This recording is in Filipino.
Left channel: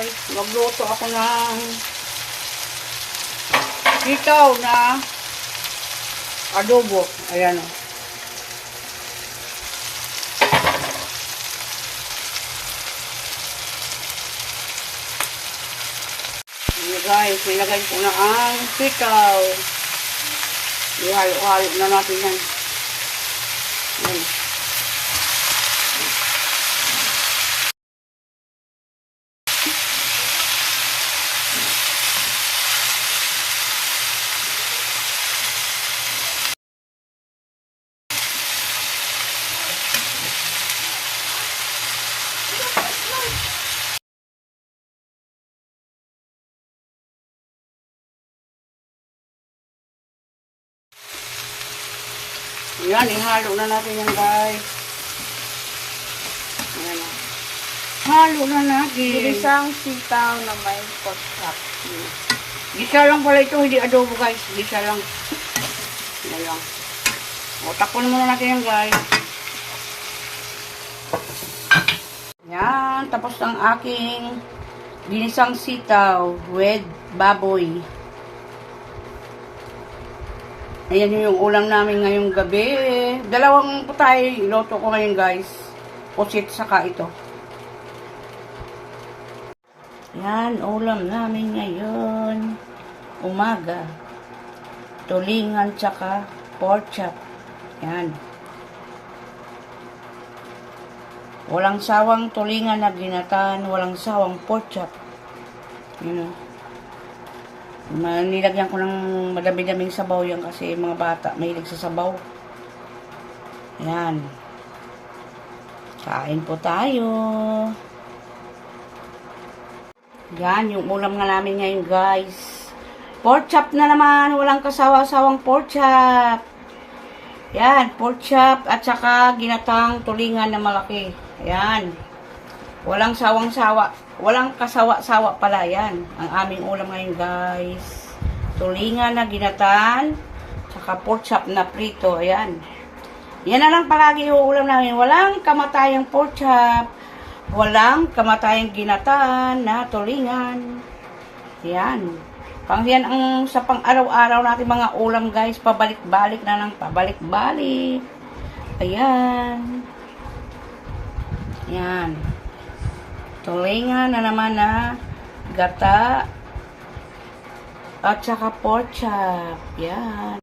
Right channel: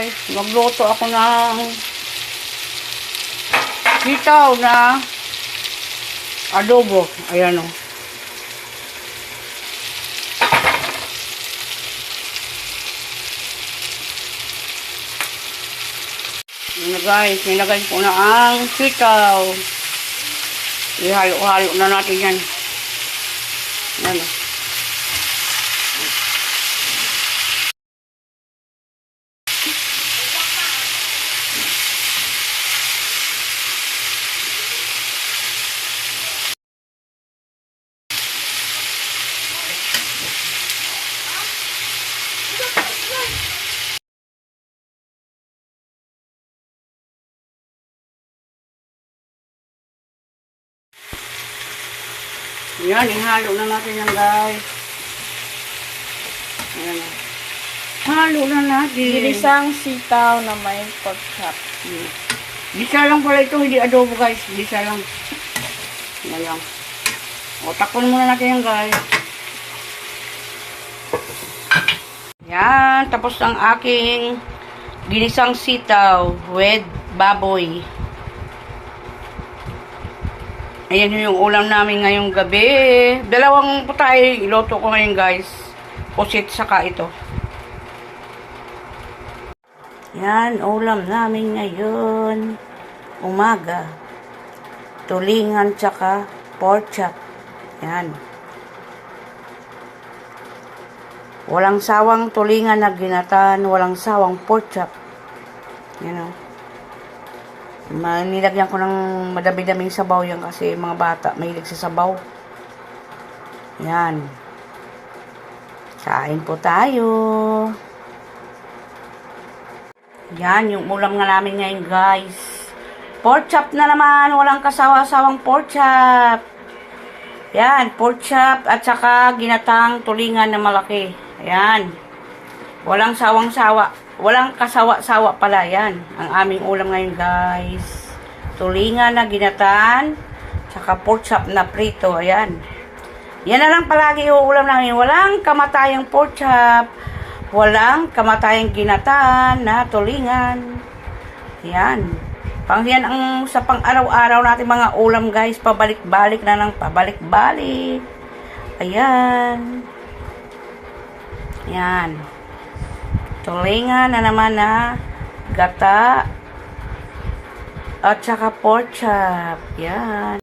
guys. Magluto ako ng sitaw na adobo. Ayan o. Ayan guys, nilagay ko na ang sitaw. Ihalo-halo na natin yan. Ayan o. Yan, ihalo na natin yan guys. Ayan o. Halo na natin. Ginisang sitaw na may pork chop. Gisa lang pala ito, hindi adobo guys. Gisa lang. Lang. O, takpan muna natin yan guys. Yan, tapos ang aking ginisang sitaw with baboy. Ayan yung ulam namin ngayong gabi. Dalawang putay, iloto ko ngayon guys. Pusit saka ito. Yan, ulam namin ngayon. Umaga. Tulingan tsaka pork chop. Yan. Walang sawang tulingan na ginatan, walang sawang pork chop. Yan o. Nilagyan ko ng madami-daming sabaw yan kasi mga bata mahilig sa sabaw. Yan. Kain po tayo. Yan, yung ulam nga namin ngayon, guys. Pork chop na naman. Walang kasawa-sawang pork chop. Yan, pork chop at saka ginatang tulingan na malaki. Yan. Walang sawang-sawa. Walang kasawa-sawa pala. Yan, ang aming ulam ngayon, guys. Tulingan na ginatan. Saka pork chop na prito. Ayan. Yan na lang palagi yung ulam namin. Walang kamatayang pork chop. Walang kamatayang ginataan na tulingan. Yan. Pang ang sa pang araw-araw natin mga ulam guys. Pabalik-balik na ng pabalik-balik. Ayan. Yan. Tulingan na naman na gata at saka pork chop. Yan.